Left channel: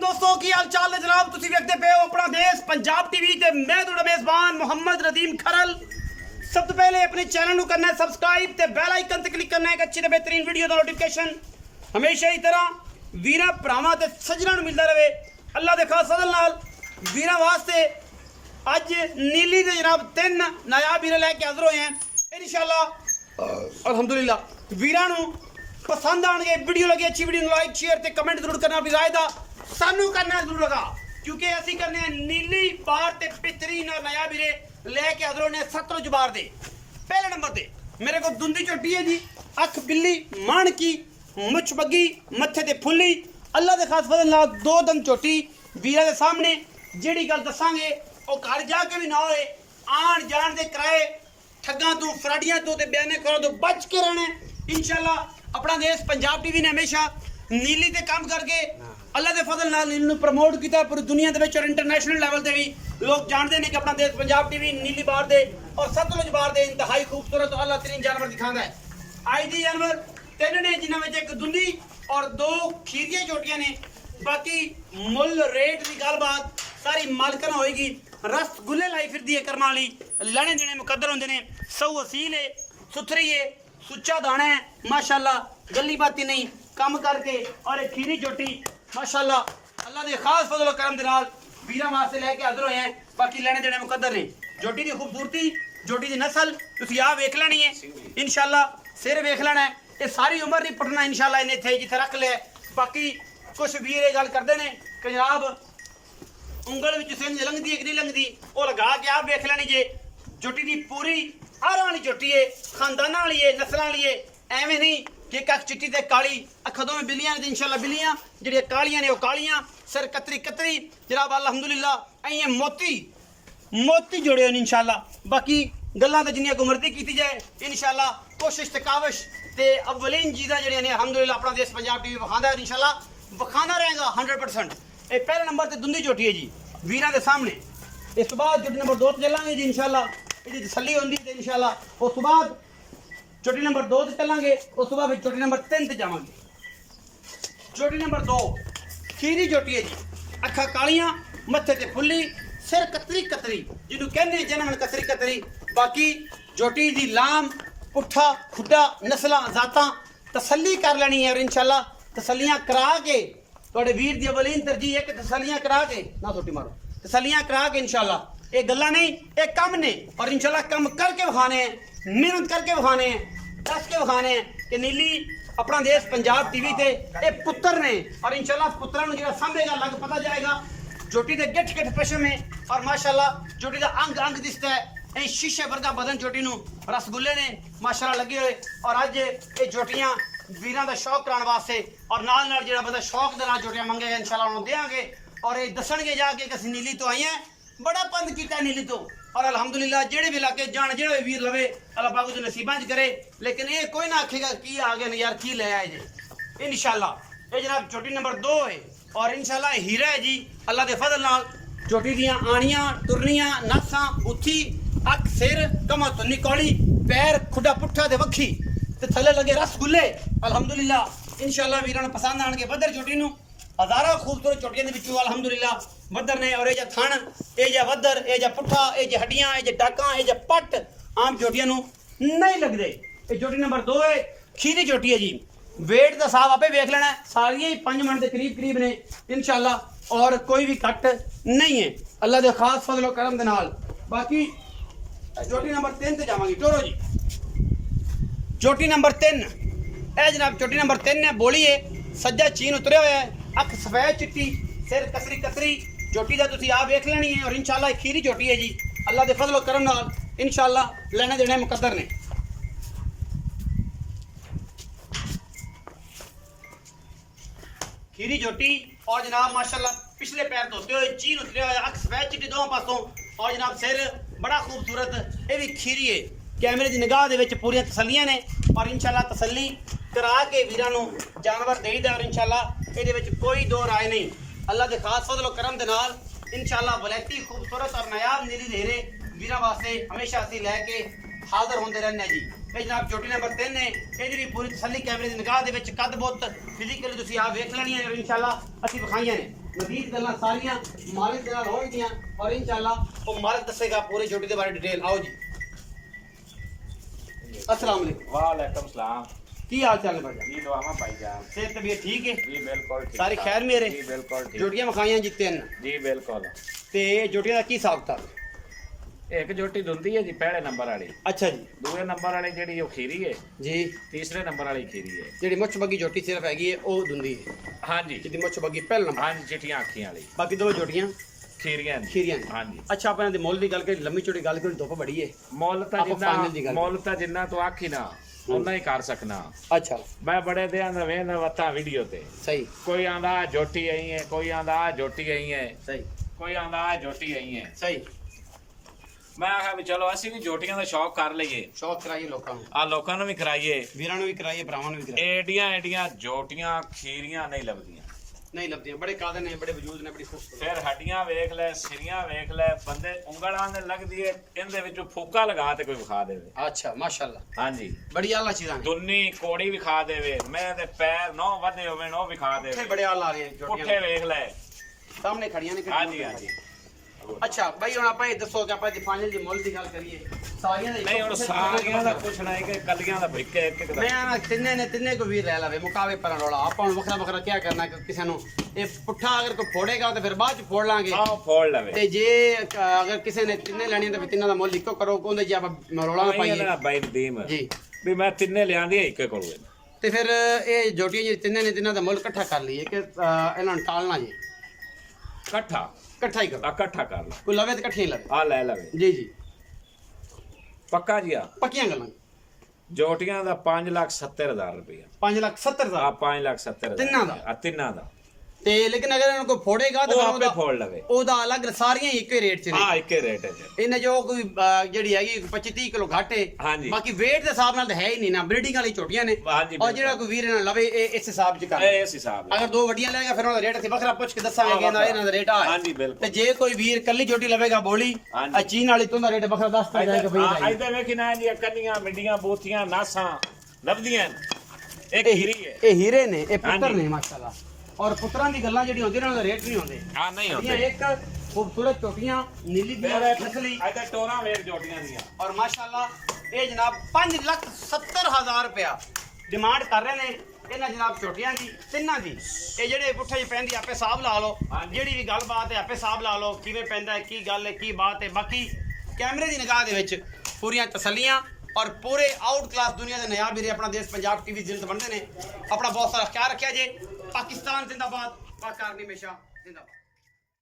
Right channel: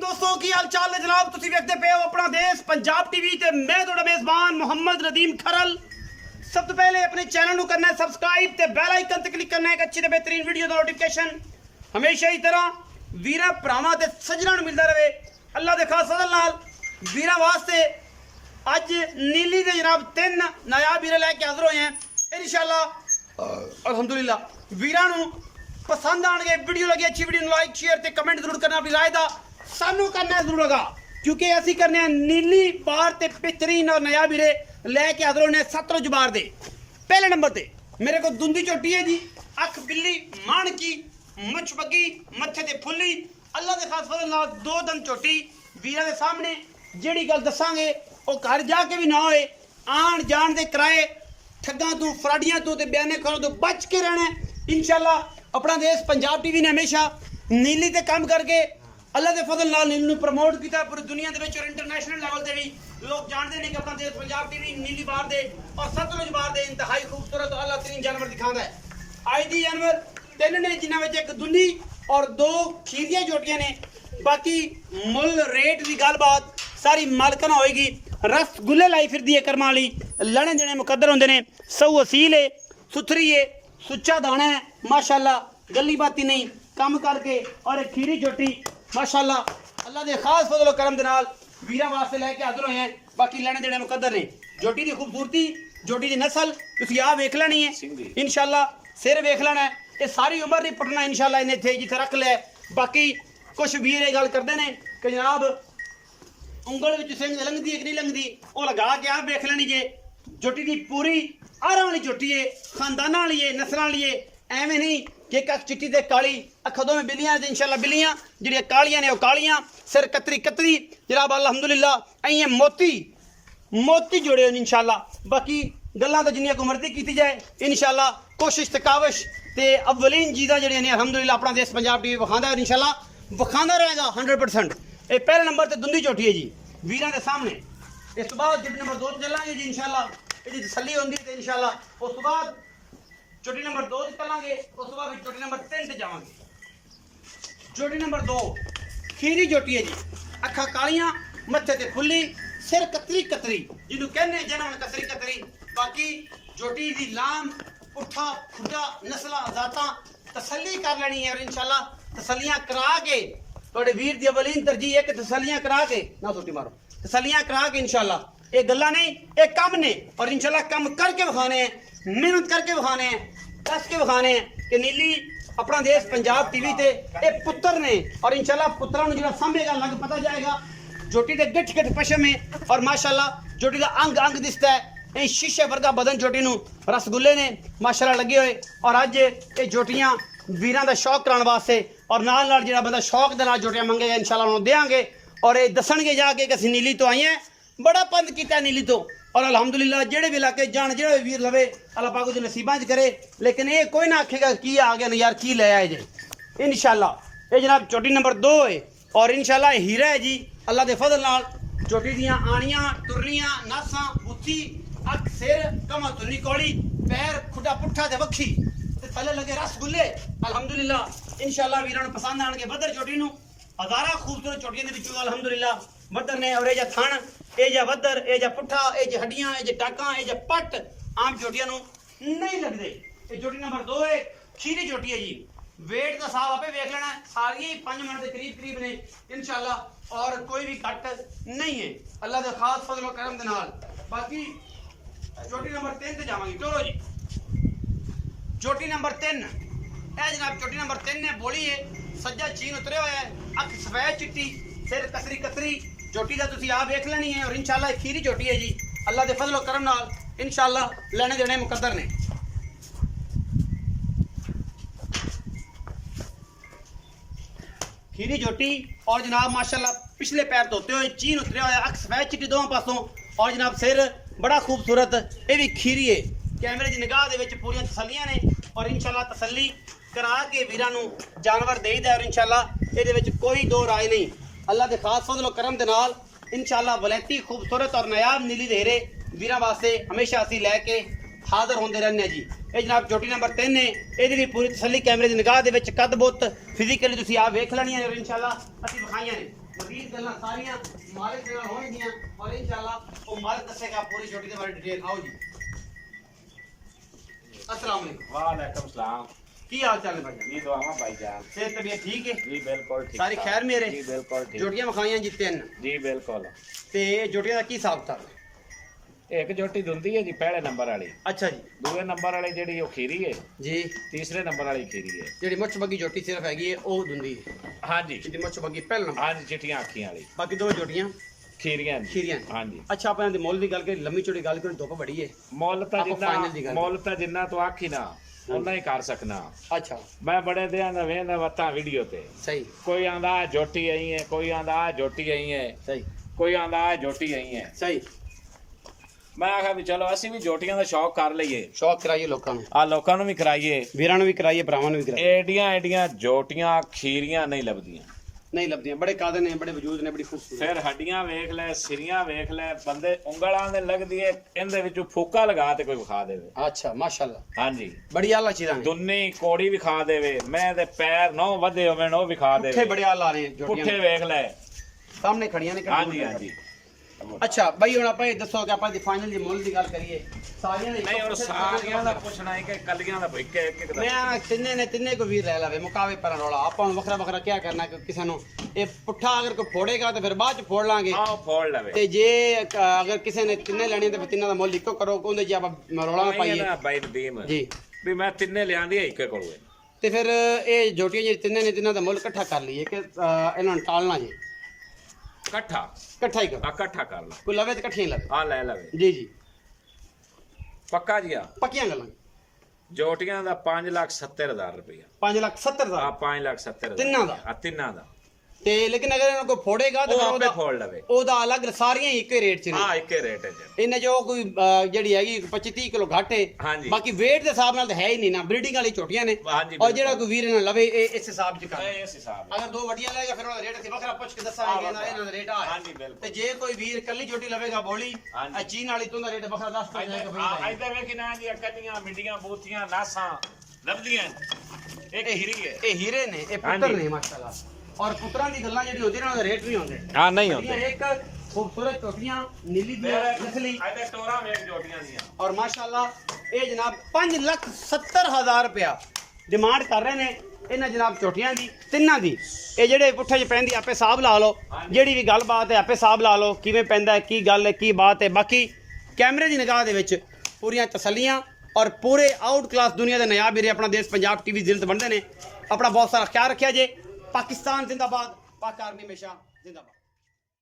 दोस्तों की हाल चाल है जनाब तुसी वेखदे पे हो अपना देश पंजाब टीवी ते मैं तुहाडा मेजबान मोहम्मद रदीम खरल। सब तो पहले अपने चैनल को करना है सब्सक्राइब ते बेल आइकन ते क्लिक करना है एक अच्छी ते बेहतरीन वीडियो दा नोटिफिकेशन हमेशा ही तरह वीरा भरावां ते सज्जणां नूं मिलदा रहे। अल्लाह दे खास फजल नाल वीरां वास्ते अज नीली दे जनाब 3 नायाब वीरे लैके हाजिर होए हैं इंशाअल्लाह अल्हम्दुलिल्लाह। वीरां नूं पसंद आने वीडियो लगी अच्छी वीडियो लाइक शेयर ते कमेंट जरूर करना अपनी राय दा सानू करना जरूर लगा क्योंकि असी करने नीली बार ते बेहतरीन और नया वीरे लैके हाजिर होने सतलुज बार दे। पहले नंबर ते मेरे को दुंदी चोटी है जी, अख बिल्ली मान की मुछ बगी मत्थे ते फुल्ली अल्लाह दे खास फजल नाल 2 दंद चोटी वीरा दे सामने जेड़ी गल दसांगे ओ घर जाके भी ना होए। आन जान दे किराए ठग्गां तो फराडियां तो ते बयाने करो तो बच के रहना इंशाअल्लाह। अपना देश पंजाब टीवी ने हमेशा नीली ते काम करके अल्लाह के फजल नाल नीली नूं प्रमोट किया पूरी दुनिया दे विच और इंटरनेशनल लेवल ते भी लोग जानते हैं कि अपना देश पंजाब टीवी नीली बार दे और सतलुज बार दे इंतहाई खूबसूरत और अल्लाह तरीन जानवर दिखाता है। आज दी जानवर 3 ने जिन्हां विच एक दुंदी और 2 खीरियां जोटियां ने। बाकी मुल रेट की गलबात सारी मालकना होएगी। रसगुल्ले लाई फिरदी है कर्मा वाली लड़े देने मुकद्दर होंदे ने। सऊ असील है सुथरी है सुच्चा दाना है माशाअल्लाह गली बाती नहीं कम करके और एक खीरी चोटी माशाअल्लाह अल्लाह दे खास फजल और करम दे नाल वीरां वास्ते लेके हाजिर होए हैं। बाकी लेने देने मुकद्दर ने। जोटी दी खूबसूरती जोटी दी नस्ल तुसीं आ वेख लेनी है इंशाअल्लाह। सिर वेख लेना है ये सारी उम्र नहीं पुटना इंशाअल्लाह इन्हें थे जिथे रख लिया। बाकी कुछ वीर ये गल करते हैं कि जनाब उंगल विच सिंह लंघदी है कि नहीं लंघदी वो लगा के आप वेख लेनी जे। जोटी दी पूरी आरां वाली जोटी है खानदाना वाली है नस्लां वाली है एवें नहीं कि एक अख चिट्टी ते काली अखां दोवें बिल्लियां ते इंशाअल्लाह बिल्लियां जिहड़ियां कालियां ने वो कालियां सिर कतरी कतरी जनाब अल्हम्दुलिल्लाह अइयां मोती मोती जोड़े होने इंशाअल्लाह। बाकी गल्लां ते जिन्नियां को मर्जी कीती जाए इंशाअल्लाह कोशिश ते काविश ते अव्वलीन चीज़ां जिहड़ियां ने अल्हम्दुलिल्लाह अपना देश पंजाब टीवी विखांदा है इंशाअल्लाह विखांदा रहेगा 100%। ये पहले नंबर ते दुंदी चोटी है जी वीरां दे सामने। इस तो बाद चोटी नंबर 2 ते चलांगे जी इंशाअल्लाह ये तसल्ली होंदी ते इंशाअल्लाह। उस तो बाद चोटी नंबर 2 ते चलांगे उस तो बाद चोटी नंबर 3 ते जावांगे। चोटी नंबर 2 खीरी चोटी है जी अखा कालियां मत्थे ते फुल्ली सिर कतरी कतरी जिन्हों कहते जनम कतरी कतरी। बाकी जोटी दी लाम पुट्ठा खुड्डा नस्लां जातां तसल्ली कर लेनी है और इंशाअल्लाह तसल्लियां करा के थोड़े वीर दी अवलीन तरजीह एक तसल्लियां करा के ना सोटी मारो तसल्लियां करा के इंशाअल्लाह। ये गल्ला नहीं ये कम ने और इंशाअल्लाह कम करके विखाने हैं मेहनत करके विखाने हैं दस के विखाने हैं कि नीली अपना देश पंजाब टीवी ते ये पुत्र ने और इंशाअल्लाह पुत्रां नूं जिहड़ा संभेगा लग पता जाएगा। जोटी दे गिठ गिठ पशम है और माशाअल्लाह जोटी दा अंग अंग दिसता है ये शीशे वर्गा बदन जोटी नूं रसगुल्ले ने माशाअल्लाह लगे हुए। और अज ये जोटियां वीरां दा शौक कराने वास्ते और नाल नाल जिहड़ा बंदा शौक दे नाल जोटियां मंगेगा इंशाअल्लाह उन्होंने देंगे और ये दसणगे जाके कि असीं नीली तो आई हैं बड़ा पंद किया नीली तो और अल्हम्दुलिल्लाह जेड़े भी इलाके जान जेड़े वीर लवे अल्लाह पाक उहदे नसीबां च करे। लेकिन ये कोई ना आखेगा की आ गया यार की ले आए जे इंशाअल्लाह। ये जनाब चोटी नंबर 2 है और इंशाअल्लाह हीरा है जी अल्लाह के फजल नाल। चोटी दियां आनियां तुरनियां नासां बुथी अख सिर कमा तुन्नी कौड़ी पैर खुडा पुट्ठा ते वखी ते थले लगे रसगुल्ले अल्हम्दुलिल्लाह इंशाअल्लाह वीरां नूं पसंद आणगे। बदर चोटी नूं हज़ारा खूबसूरत चोटियां दे विचों अल्हम्दुलिल्लाह बदर ने और ये जा थण ये जा वदर ये जा पुट्ठा ये जा हड्डियां ये जा टाकां ये जा पट आम चोटियां नूं नहीं लगदे। ये चोटी नंबर 2 है खीरी चोटी है जी। वेट का साहब आपे वेख लेना सारियां ही 5 मिनट के करीब करीब ने इंशाअल्लाह और कोई भी कट नहीं है अल्लाह के खास फजल और करम दे नाल। बाकी चोटी नंबर 3 ते जावांगे टोरो जी। चोटी नंबर 3 ए जनाब चोटी नंबर 3 है बोली है सज्जा चीन उतरे हुए है अख सफेद चिट्टी सिर कसरी कतरी चोटी का तुसीं आप वेख लेनी है और इंशाअल्लाह खीरी चोटी है जी अल्लाह के फजल और करम नाल इंशाअल्लाह लेने देने मुकद्दर ने। खीरी चोटी और जनाब माशाअल्लाह पिछले पैर धोते हुए चीन उतरे हुए अख सफेद चिट्टी दोवां पासों और जनाब सिर बड़ा खूबसूरत ये भी खीरी है। कैमरे की निगाह दे विच पूरियां तसल्लियां ने और इंशाअल्लाह तसल्ली करा के वीरां नूं जानवर देईदा और इंशाअल्लाह ये विच कोई दो राय नहीं अल्लाह के खास फजल और करम दे नाल इंशाअल्लाह वलैती खूबसूरत और नायाब नीली देहरे वीरां वास्ते हमेशा असीं लैके हाजिर होंदे रहने जी। ये जनाब चोटी नंबर 3 है ये भी पूरी तसल्ली कैमरे की निगाह दे विच कद बुत फिजिकली तुसीं आप वेख लैनी है और इंशाअल्लाह असीं विखाईयां ने। मजीद गल्लां सारियां मालिक दे नाल होणगियां और इंशाअल्लाह वो मालिक दसेगा पूरी झोटी दे बारे डिटेल। आओ जी। अस्सलाम वालेकुम। वालेकुम सलाम। की हाल चाल है भाईजान? जी दुआवा भाईजान। सेहत तबीयत ठीक है? जी बिल्कुल ठीक। सारी खैर मेरे? जी बिल्कुल ठीक। झोटियां मखाइयां जी 3? जी बिल्कुल। ते झोटियां दा की हिसाब किताब? एक झोटी दुंदी है जी पहले नंबर वाली, अच्छा जी दूसरे नंबर वाली जेडी वो खीरी है जी। तीसरे नंबर वाली खीरी है। जेडी मुੱਛ बगी झोटी सिर्फ हैगी है ओ दुंदी है। हाँ जी जिदी मुੱਛ बगी पहले नंबर। हाँ जी चिट्टियां अखियां वाली बाकी दो झोटियां खीरियां जी। खीरियां हाँ जी। अच्छा अपन दे मुੱਲ ਦੀ ਗੱਲ ਕਰੀ लंबी चौड़ी ਗੱਲ करी धुप बड़ी है ਮੁੱਲ ਤਾਂ ਆਪਾਂ final ਦੀ ਗੱਲ ਮੁੱਲ ਤਾਂ ਜਿੰਨਾ ਤੂੰ ਆਖੀ ਨਾ ਉਹਨਾਂ ਹੀ ਕਰ ਸਕਣਾ। अच्छा ਮੈਂ ਬੜੇ ਦਿਆਂ ਦਾ ਵੇਂਦਾ ਵਤਾ ਵੀਡੀਓ ਤੇ सही ਕੋਈ ਆਂਦਾ ਆਹ ਝੋਟੀ ਆਈ ਹੈ, ਕੋਈ ਆਂਦਾ ਆਹ ਝੋਟੀ ਆਈ ਹੈ, सही ਕੋਈ ਆਂਦਾ ਆਹ ਝੋਟੀ ਆਈ ਹੈ। सही ਮੈਂ ਆਖਿਆ ਵੀ ਚਲੋ ਅਸੀਂ ਵੀ ਝੋਟੀਆਂ ਦਾ ਸ਼ੌਕ ਕਰ ਲਈਏ, शौक कराइए लोगों ने ਆ ਲੋਕਾਂ ਨੂੰ ਵੀ ਕਰਾਈਏ। वीरां ਨੂੰ भी कराइए भरावां ਨੂੰ भी कराइए। एडियां एडियां जोटियां खीरियां नहीं लभदियां। नहीं लभदियां बड़े कादे ने बड़े वजूद ने बड़ी खूबसूरत। फिर हड्डियां वेख ले सिरियां वेख ले बंदे उंगलां दे लगदी है इनदे विचों फूका लगा ते कोई विखा देवे। अच्छा माशाल्लाह हां जी बड़ी आला चीज़ां ने। दुन्नी कोड़ी विखा देवे, मैं दे पैर नौ वधे होवे नो विखा पुट्ठे देवे। बड़े आला ने पुट्ठे झोटियां वेख ले सामने खड़ियां ने। हां जी हां जी। अच्छा भाई हुण आपां ये दसो कि आपां दी फाइनल दी मुੱਲ ਦੀ ਗੱਲ ਕਰੀਏ ਸਾਰੀਆਂ ਦੇ नहीं और सारियां दा पुछना है कि कलियां दा भइके एक एक मैं दा ना तिन्ने को वीर ले लावे मुकावे पर रोला ਆਪਾਂ ਨੂੰ ਵੱਖਰਾ ਵੱਖਰਾ ਕੀ ਕਰਨਾ ਕਿ ਕਿਸੇ ਨੂੰ ਇਹ ਪੁੱਠਾ ਅਗਰ ਕੋਈ ਫੋੜੇਗਾ ਤਾਂ ਫਿਰ ਬਾਅਦ ਚ ਫੋੜ ਲਾਂਗੇ। आओ फोड़ लवे ਤੇ ਜੇ ਅਗਰ ਕਿਸੇ ਨੇ ਤਿੰਨੇ ਲੈਣੀਆਂ ਤਾਂ ਫਿਰ ਤਿੰਨਾਂ ਦਾ ਮੁੱਲ ਇੱਕੋ ਕਰੋ ਉਹਦੇ ਜੇ ਆਪਾਂ ਰੋਲਾ ਨਾ ਪਾਈਏ ना भाई नदीम ਜੀ। भी मैं तिन्ने लियांदी है इक्के कोल। ਤੇ ਫਿਰ ਇਹ ਜੋਟੀਆਂ ਜਿਹੜੀ ਤਿੰਨੇ ਨੇ ਤਿੰਨਾਂ ਦਾ ਮੁੱਲ ਇਕੱਠਾ ਕਰ ਲਈਏ ਕਿ ਇਹਨਾਂ ਨੂੰ ਟਾਲਣਾ ਜੀ इकट्ठा ਇਕੱਠਾ ਹੀ ਕਰੋ। इकट्ठा कर लो। ਕੋਈ ਲਵੇ ਤਾਂ ਇਕੱਠੀਆਂ ਹੀ ਲਵੇ। आ ले लवे ਜੀ ਜੀ पक्का जी। आ ਪੱਕੀਆਂ ਗੱਲਾਂ। ਜੋਟੀਆਂ ਦਾ 5,70,000 ਰੁਪਇਆ। 5,70,000 ਆ 5,70,000 ਤਿੰਨਾਂ ਦਾ? ਆ ਤਿੰਨਾਂ ਦਾ। ਤੇ ਲੇਕਿਨ ਅਗਰ ਇਹਨਾਂ ਕੋਈ ਫੋੜੇਗਾ ਤਾਂ ਉਹ ਫਿਰ ਆਪੇ ਫੋੜ ਲਵੇ। ਉਹਦਾ ਅਲੱਗ ਸਾਰੀਆਂ ਹੀ ਇੱਕੋ ਰੇਟ 'ਚ ਨੇ। ਆ ਇੱਕੇ ਰੇਟ ਹੈ ਜੀ। ਇਹਨੇ ਜੋ ਕੋਈ ਜਿਹੜੀ ਹੈਗੀ 25-30 ਕਿਲੋ ਘੱਟ ਹੈ। ਹਾਂਜੀ। ਬਾਕੀ weight ਦੇ ਹਿਸਾਬ ਨਾਲ ਤਾਂ ਹੈ ਹੀ ਨਹੀਂ ਨਾ, ਬਰੀਡਿੰਗ ਵਾਲੀ ਛੋਟੀਆਂ ਨੇ। ਹਾਂਜੀ, ਔਰ ਜਿਹੜਾ ਕੋਈ ਵੀਰ ਇਹਨਾਂ ਲਵੇ ਇਹ ਇਸ ਹਿਸਾਬ 'ਚ ਕਰ। ਇਹ ਇਸ ਹਿਸਾਬ ਨਾਲ। ਅਗਰ ਦੋ ਵੱਡੀਆਂ ਲਏਗਾ ਫਿਰ ਉਹਦਾ ਰੇਟ ਅਸੀਂ ਵੱਖਰਾ ਪੁੱਛ ਕੇ ਦੱਸਾਂਗੇ ਕਿ ਇਹਨਾਂ ਦਾ ਰੇਟ ਆ ਹੈ। ਹਾਂਜੀ ਬਿਲਕੁਲ। ਤੇ ਜੇ ਕੋਈ ਵੀਰ ਕੱਲੀ ਛੋਟੀ ਲਵੇਗਾ ਬੋਲੀ ਹਾਂਜੀ। ਆ ਚੀਨ ਵਾਲੀ ਤੋਂ ਦਾ ਰੇਟ ਵੱਖਰਾ ਦੱਸ ਦਿੰਦਾ ਹੈ ਕਿ ਭਈ ਭਾਈ ਇੱਧਰ ਵੇਖੀ ਨਾ ਜੀ ਕੰਨੀਆਂ ਮਿੱਡੀਆਂ ਬੂਥੀਆਂ ਨਾਸਾਂ ਲੱਭਦੀਆਂ। ਇੱਕ ਹੀਰੀ ਹੈ। ਇਹ ਹੀਰੇ ਨੇ, ਇਹ ਪੁੱਤਰ ਹਾਂਜੀ। ਨੇ ਮਾਸ਼ਾਅੱਲਾ। ਔਰ ਪੁੱਤਰਾਂ ਦੀ ਗੱਲਾਂ ਜਿਹੜੀ ਹੁੰਦੀਆਂ ਨੇ ਉਹਨਾਂ ਦਾ ਰੇਟ ਨਹੀਂ ਹੁੰਦੇ। ਹਾਂ ਨਹੀਂ ਹੁੰਦੀਆਂ ਹੁੰਦੇ। ਇੱਕ ਖੂਬਸੂਰਤ ਟੋਪੀਆਂ ਨੀਲੀ ਦੀਆਂ ਨਸਲੀ ਇੱਧਰ ਟੋਰਾਂ ਵੇਖ ਜੋਟੀਆਂ ਦੀਆਂ। ਔਰ ਮਾਸ਼ਾਅੱਲਾ ਇਹ ਜਨਾਬ 5,70,000 ਰੁਪਇਆ ਡਿਮਾਂਡ ਕਰ ਰਹੇ ਨੇ ਇਹਨਾਂ ਜਨਾਬ ਛੋਟੀਆਂ ਦੀ ਤਿੰਨਾਂ ਦੀ। ਇਹ ਜਿਹੜੇ ਪੁੱਠੇ ਜਿਹੇ ਪੈਂਦੀ ਆਪੇ ਹਿਸਾਬ ਲਾ ਲਓ, ਜਿਹੜੀ ਵੀ ਗੱਲਬਾਤ ਹੈ ਆਪੇ ਹਿਸਾਬ ਲਾ ਲਓ ਕਿਵੇਂ ਪੈਂਦਾ ਹੈ, ਕੀ ਗੱਲ ਹੈ, ਕੀ ਬਾਤ ਹੈ। ਬਾਕੀ ਕੈਮਰੇ ਦੀ ਨਿਗਾਹ ਦੇ ਵਿੱਚ ਪੂਰੀਆਂ ਤਸੱਲੀਆਂ ਔਰ ਪੂਰੇ ਆਊਟ ਕਲਾਸ ਦੁਨੀਆ ਦੇ ਨਿਆਬ ਵੀਰੇ ਆਪਣਾ ਦੇਸ਼ ਪੰਜਾਬ ਟੀਵੀ ਜ਼ਿਲਤ ਬਣਦੇ ਨੇ। ਆਪਣਾ ਬਹੁਤ ਸਾਰਾ ਖਿਆਲ ਰੱਖਿਆ ਜੇ। ਪਾਕਿਸਤਾਨ ਜ਼ਿੰਦਾਬਾਦ, ਪਾਕ ਆਰਮੀ ਹਮੇਸ਼ਾ ਜ਼ਿੰਦਾਬਾਦ।